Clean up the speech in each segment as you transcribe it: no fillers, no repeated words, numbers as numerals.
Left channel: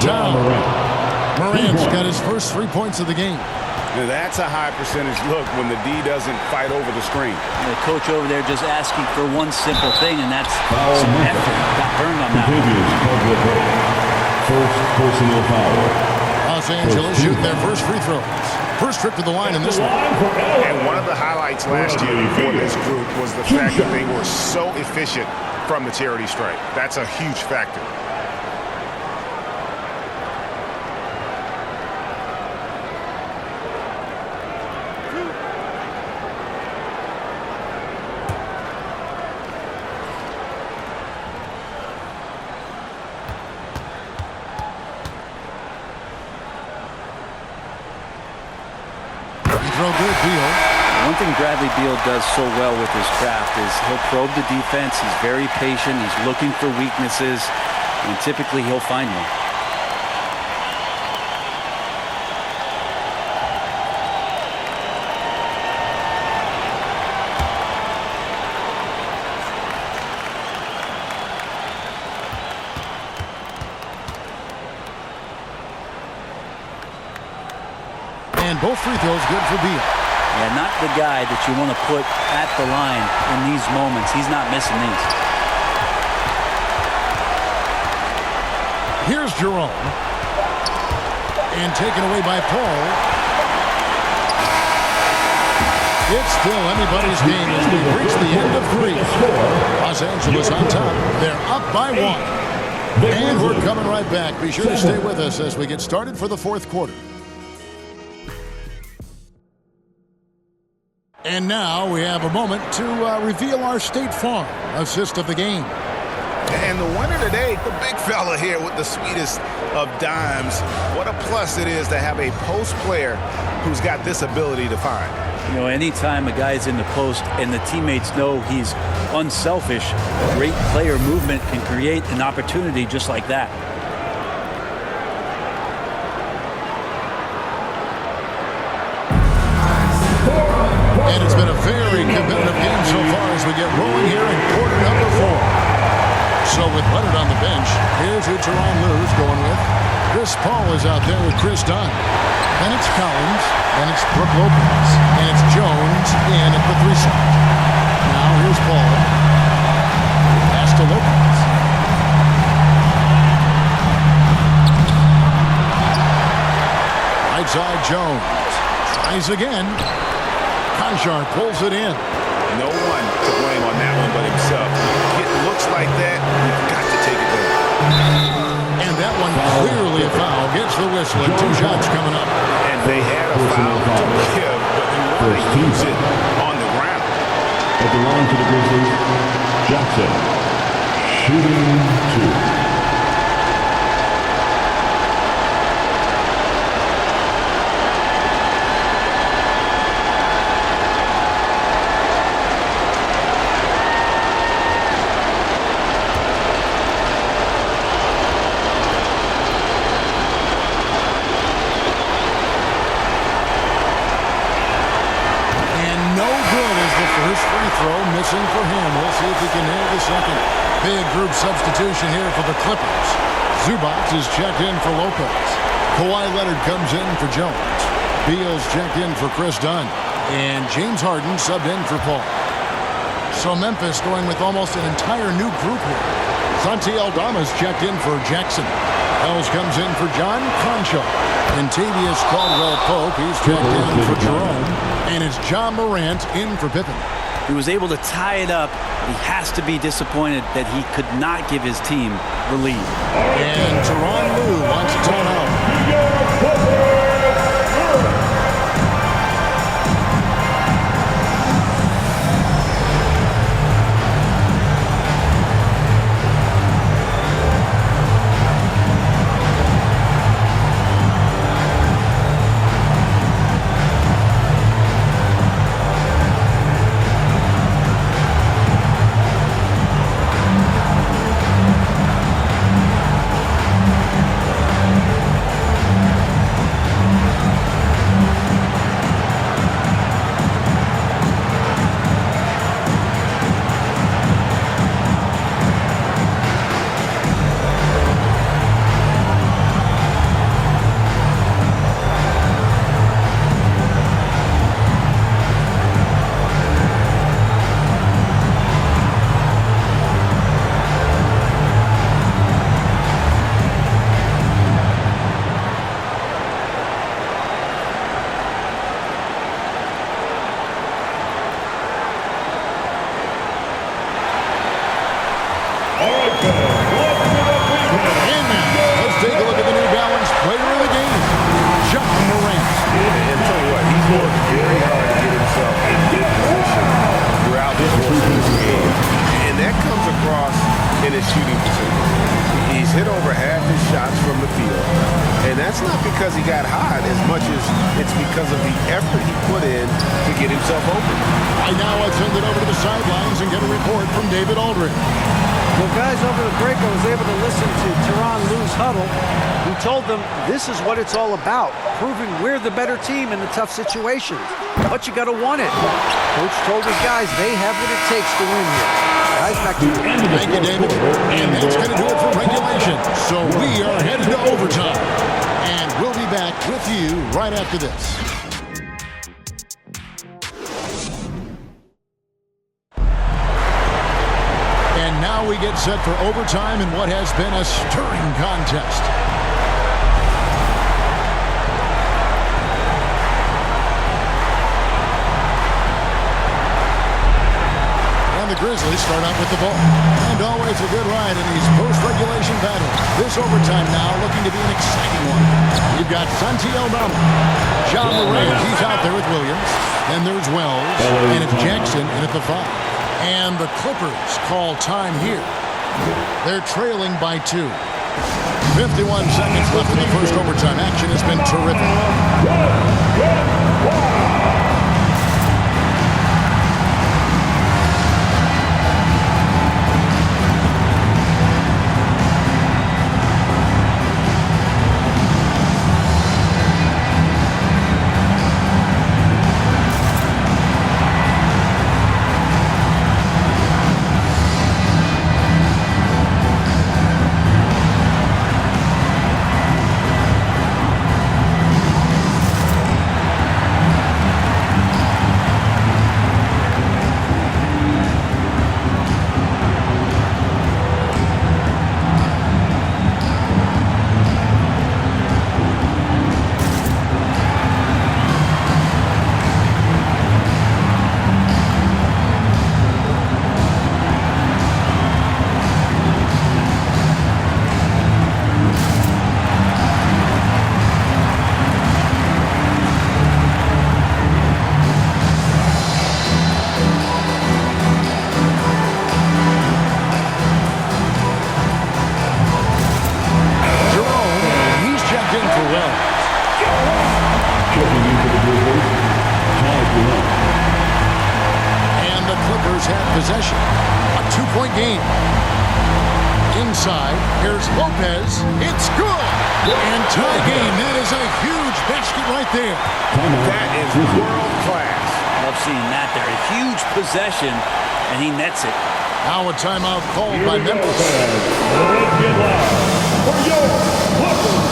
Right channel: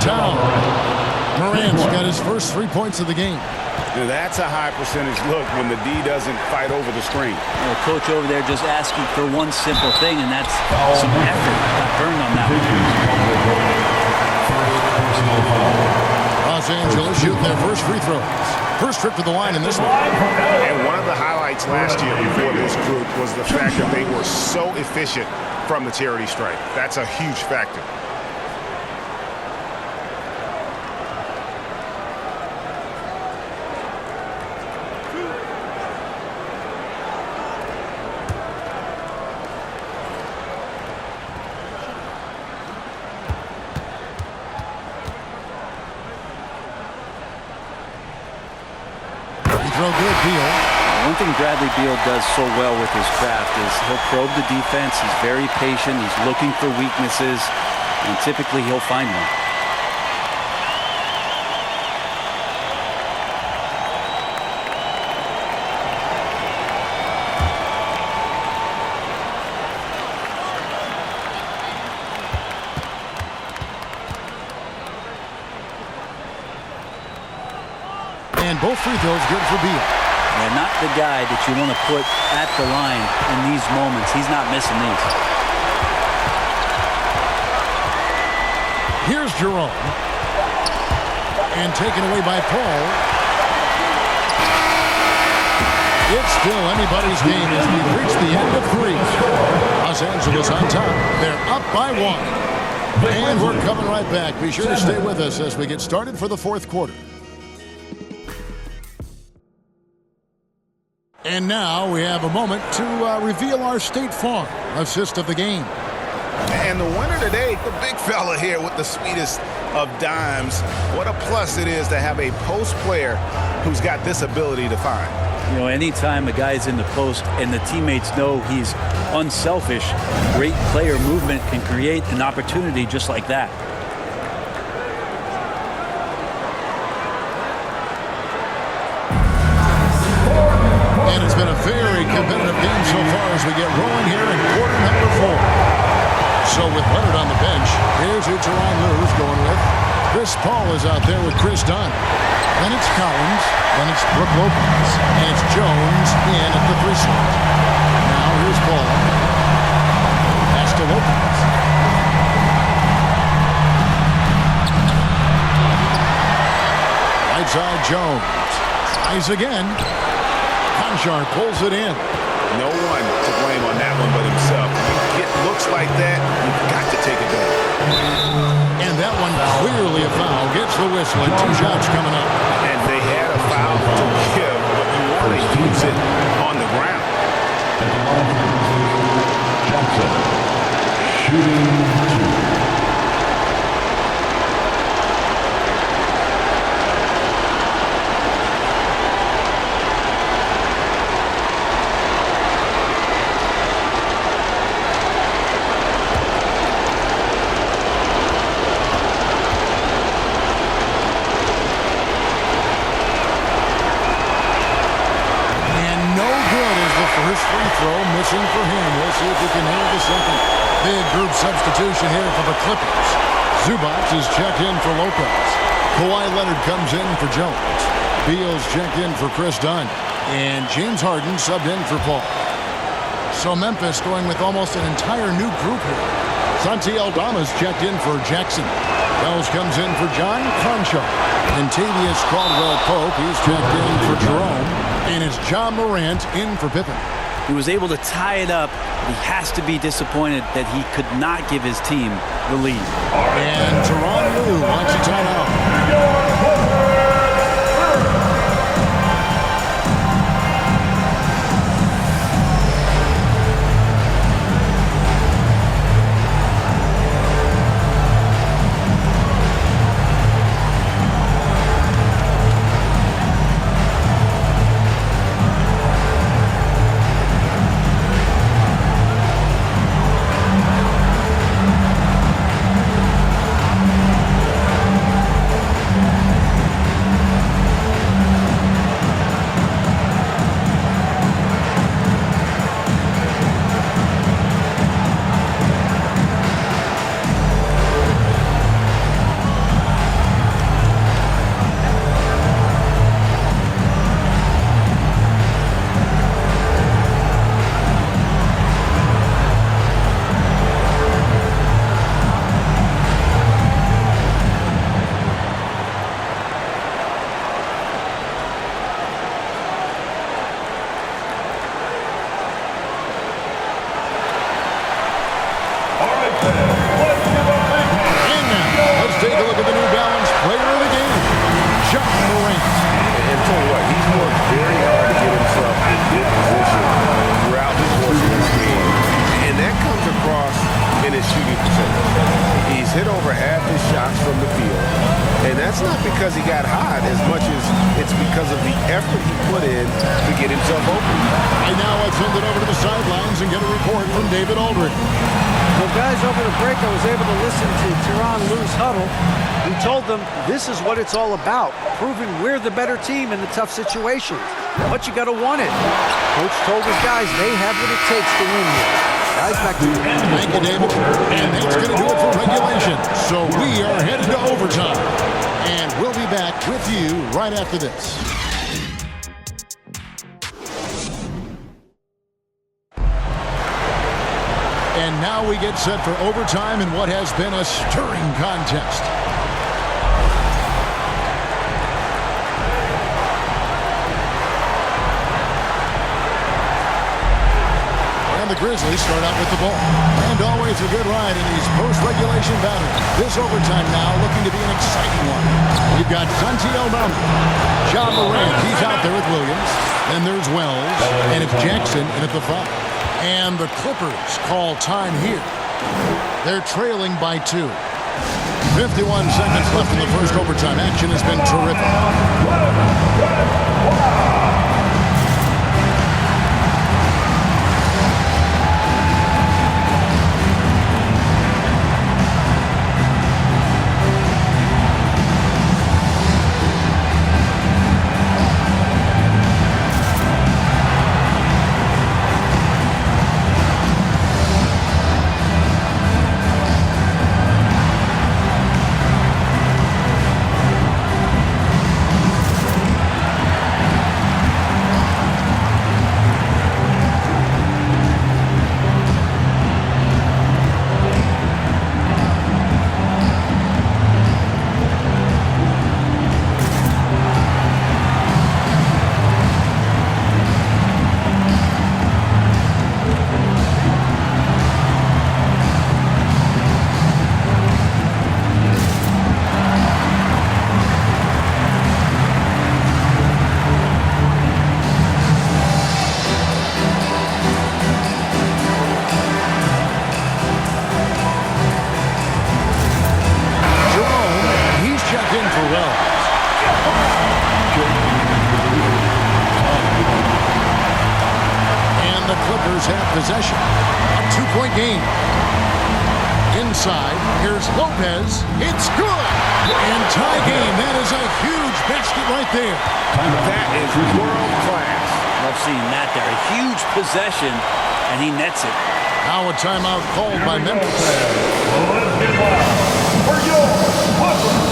town. Morant's got his first 3 points of the game. Now that's a high percentage look when the D doesn't fight over the screen. And the coach over there just asking for one simple thing, and that's some effort. Got burned on that one. First personal foul. Los Angeles shooting their first free throws. First trip to the line in this one. And one of the highlights last year for this group was the fact that they were so efficient from the charity stripe. That's a huge factor. Throw good, Beal. One thing Bradley Beal does so well with his craft is he'll probe the defense. He's very patient. He's looking for weaknesses, and typically he'll find one. And both free throws good for Beal. Yeah, not the guy that you want to put at the line in these moments. He's not missing these. Here's Jerome. And taken away by Paul. It's still anybody's game as we've reached the end of 3. Los Angeles on top. They're up by 1. And we're coming right back. Be sure to stay with us as we get started for the 4th quarter. And now we have a moment to reveal our State Farm assist of the game. And the winner today, the big fella here with the sweetest of dimes. What a plus it is to have a post player who's got this ability to find. You know, anytime a guy's in the post and the teammates know he's unselfish, great player movement can create an opportunity just like that. And it's been a very competitive game so far as we get rolling here in quarter number 4. So with Leonard on the bench, here's who Tyronn Lue's going with. Chris Paul is out there with Chris Dunn. Then it's Collins. Then it's Brook Lopez. And it's Jones in at the 3 slot. Now here's Paul. Pass to Lopez. Right side Jones. Tries again. Conchar pulls it in. No one to blame on that one but himself. You get looks like that, you've got to take it down. And that one clearly a foul. Gets the whistle and 2 shots coming up. And they had a foul to give, but you want to use it on the ground. At the line for the Grizzlies, Jackson, shooting 2. First free throw missing for him. We'll see if he can nail the second. Big group substitution here for the Clippers. Zubac is checked in for Lopez. Kawhi Leonard comes in for Jones. Beal's checked in for Chris Dunn. And James Harden subbed in for Paul. So Memphis going with almost an entire new group here. Santi Aldama's checked in for Jackson. Bells comes in for John Conchar. And Tavius Caldwell-Pope, he's checked in for Jerome. And it's John Morant in for Pippen. He was able to tie it up, but he has to be disappointed that he could not give his team the lead. And Tyronn Lue wants a timeout. a look at the New Balance player of the game, John Morant. And tell you what, he's worked very hard to get himself in good position throughout the course of this game. And that comes across in his shooting percentage. He's hit over half his shots from the field. And that's not because he got hot as much as it's because of the effort he put in to get himself open. Right now, let's send it over to the sidelines and get a report from David Aldridge. Well, guys, over the break, I was able to listen to Tyronn Lue's huddle. He told them this is what it's all about, proving we're the better team in the tough situations. But you got to want it. Coach told his guys they have what it takes to win here. Guys, back to you. Thank you, David. And that's going to do it for regulation. So we are headed to overtime. And we'll be back with you right after this. And now we get set for overtime in what has been a stirring contest. And the Grizzlies start out with the ball. And always a good ride in these post-regulation battles. This overtime now looking to be an exciting one. We've got Santi Aldama. John Morant, he's out there with Williams. Then there's Wells. And it's Jackson in at the 5. And the Clippers call time here. They're trailing by 2. 51 seconds left in the first overtime. Action has been terrific. In for Wells. And the Clippers have possession. A 2-point game. Inside, here's Lopez. It's good. And tie game. That is a huge basket right there. That is world class. Love seeing that there. A huge possession, and he nets it. Now a timeout called by Memphis. Let's get loud for your Clippers.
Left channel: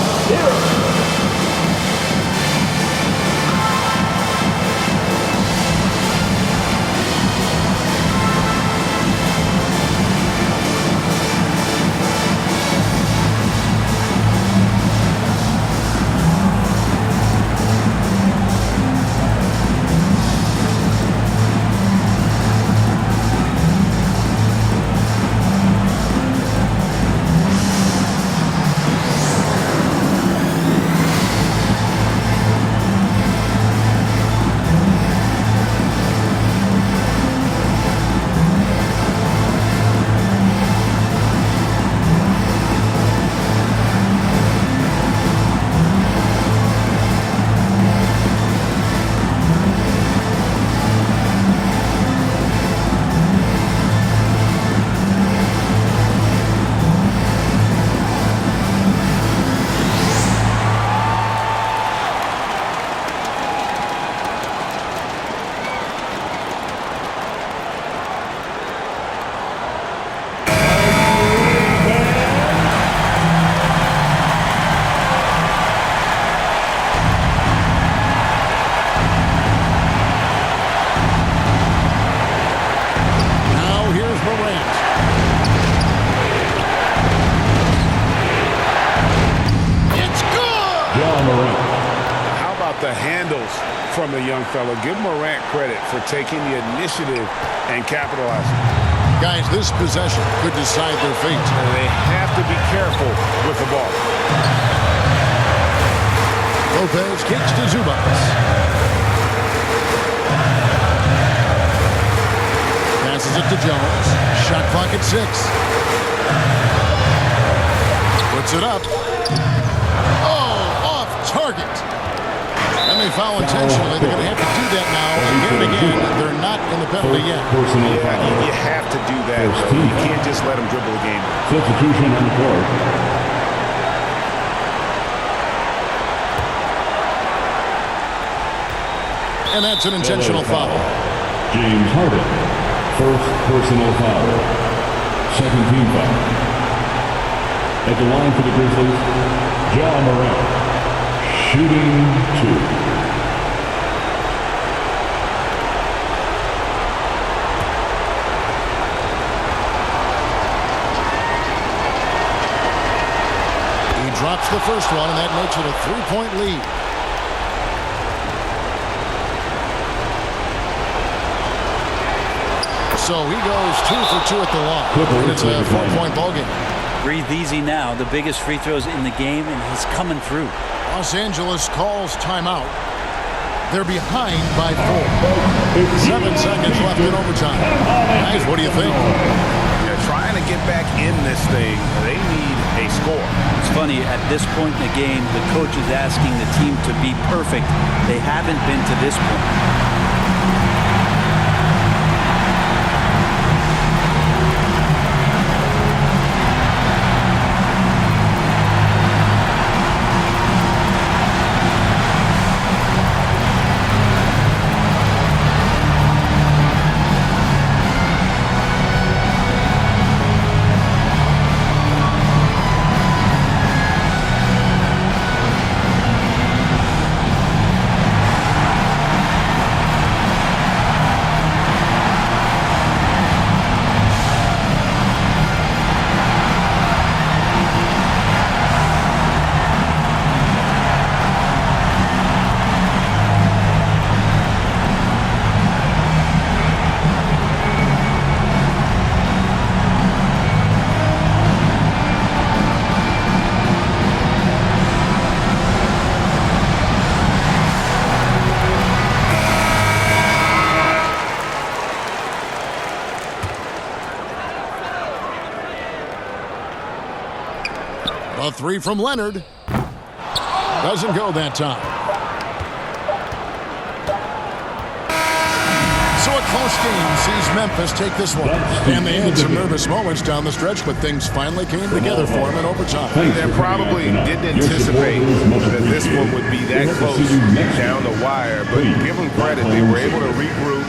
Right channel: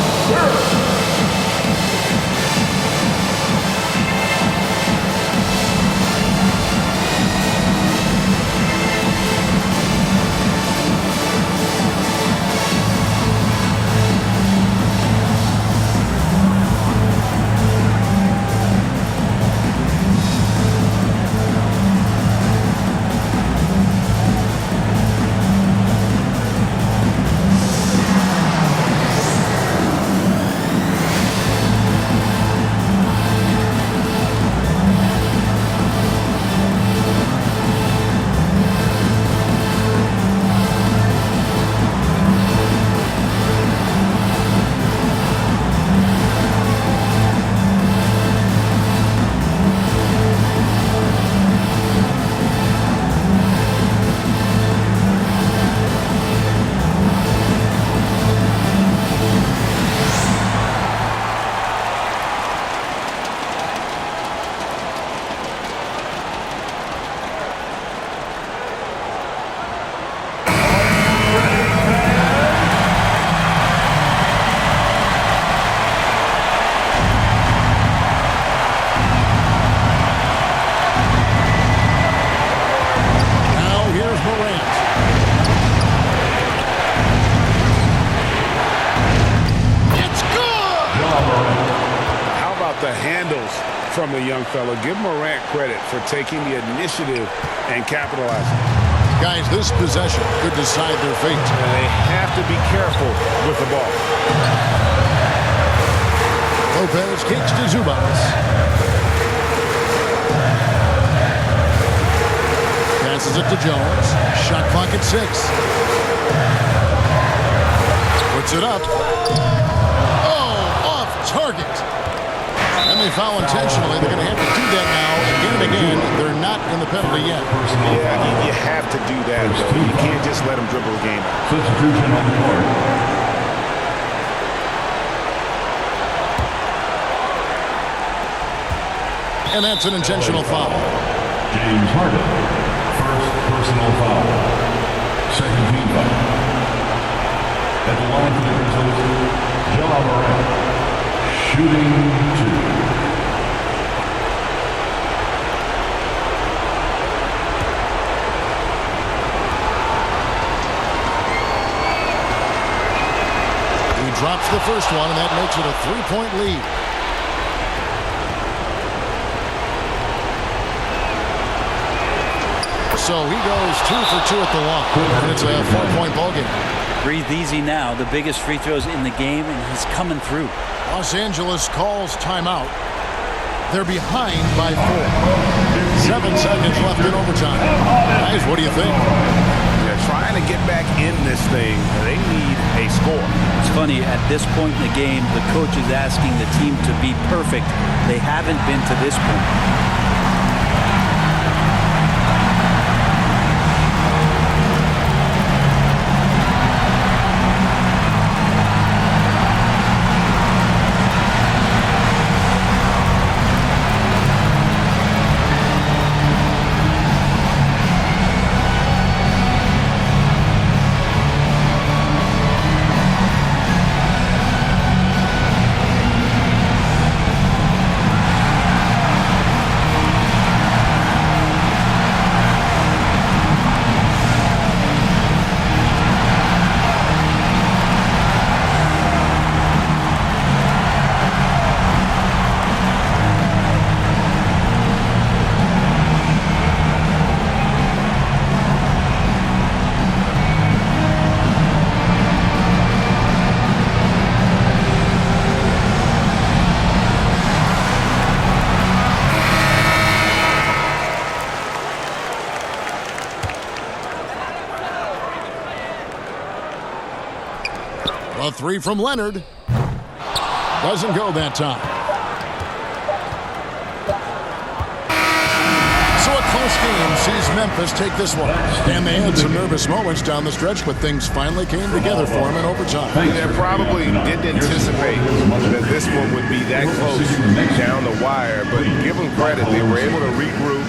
Here's Morant. It's good! Now, how about the handles from the young fella? Give Morant credit for taking the initiative and capitalizing. Guys, this possession could decide their fate. And they have to be careful with the ball. Lopez kicks to Zubac. Passes it to Jones. Shot clock at 6. Puts it up. Oh, off target. And they foul intentionally. They're going to have to do that now again and again. They're not in the penalty yet. Yeah, you have to do that, though. You can't just let them dribble the game out. Substitution on the court. And that's an intentional foul. James Harden. First personal foul. Second team foul. At the line for the Grizzlies, Ja Morant. Shooting 2. He drops the first one, and that makes it a 3-point lead. So he goes 2 for 2 at the line, and it's a 4-point ball game. Breathe easy now. The biggest free throws in the game, and he's coming through. Los Angeles calls timeout. They're behind by 4. 7 seconds left in overtime. Guys, what do you think? Yeah, trying to get back in this thing, they need a score. It's funny, at this point in the game, the coach is asking the team to be perfect. They haven't been to this point. A 3 from Leonard. Doesn't go that time. So a close game sees Memphis take this one. And they had some nervous moments down the stretch, but things finally came together for them in overtime. They probably didn't anticipate that this one would be that close down the wire, but give them credit. They were able to regroup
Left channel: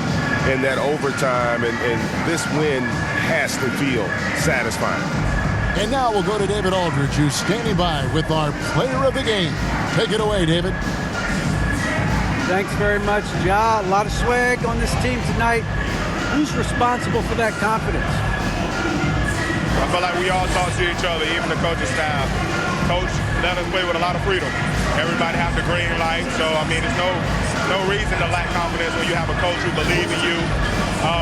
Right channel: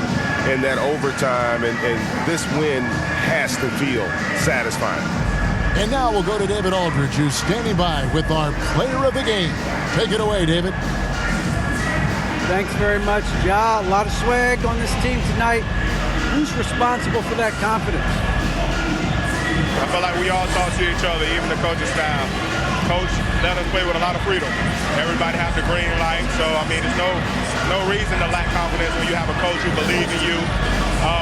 in that overtime, and this win has to feel satisfying. And now we'll go to David Aldridge, who's standing by with our player of the game. Take it away, David. Thanks very much, Ja. A lot of swag on this team tonight. Who's responsible for that confidence? I feel like we all talk to each other, even the coaching staff. Coach let us play with a lot of freedom. Everybody have the green light, so I mean, there's no reason to lack confidence when you have a coach who believes in you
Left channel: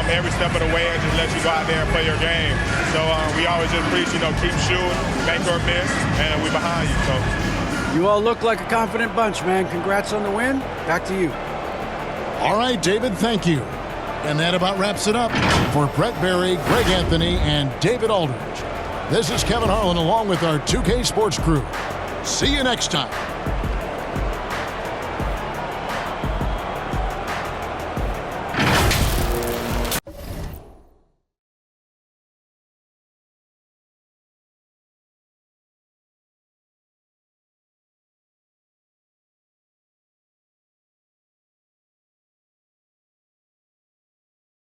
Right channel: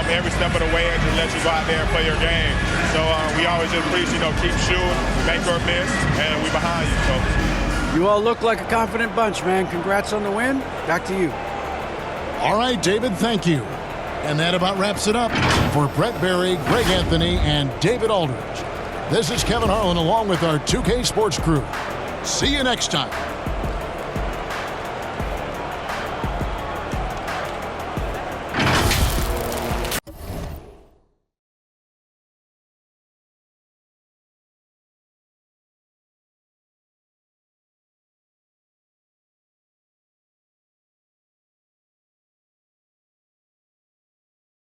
every step of the way and just let you go out there and play your game. So we always just preach, keep shooting, make or miss, and we behind you. So. You all look like a confident bunch, man. Congrats on the win. Back to you. All right, David, thank you. And that about wraps it up for Brett Berry, Greg Anthony, and David Aldridge. This is Kevin Harlan along with our 2K Sports crew. See you next time.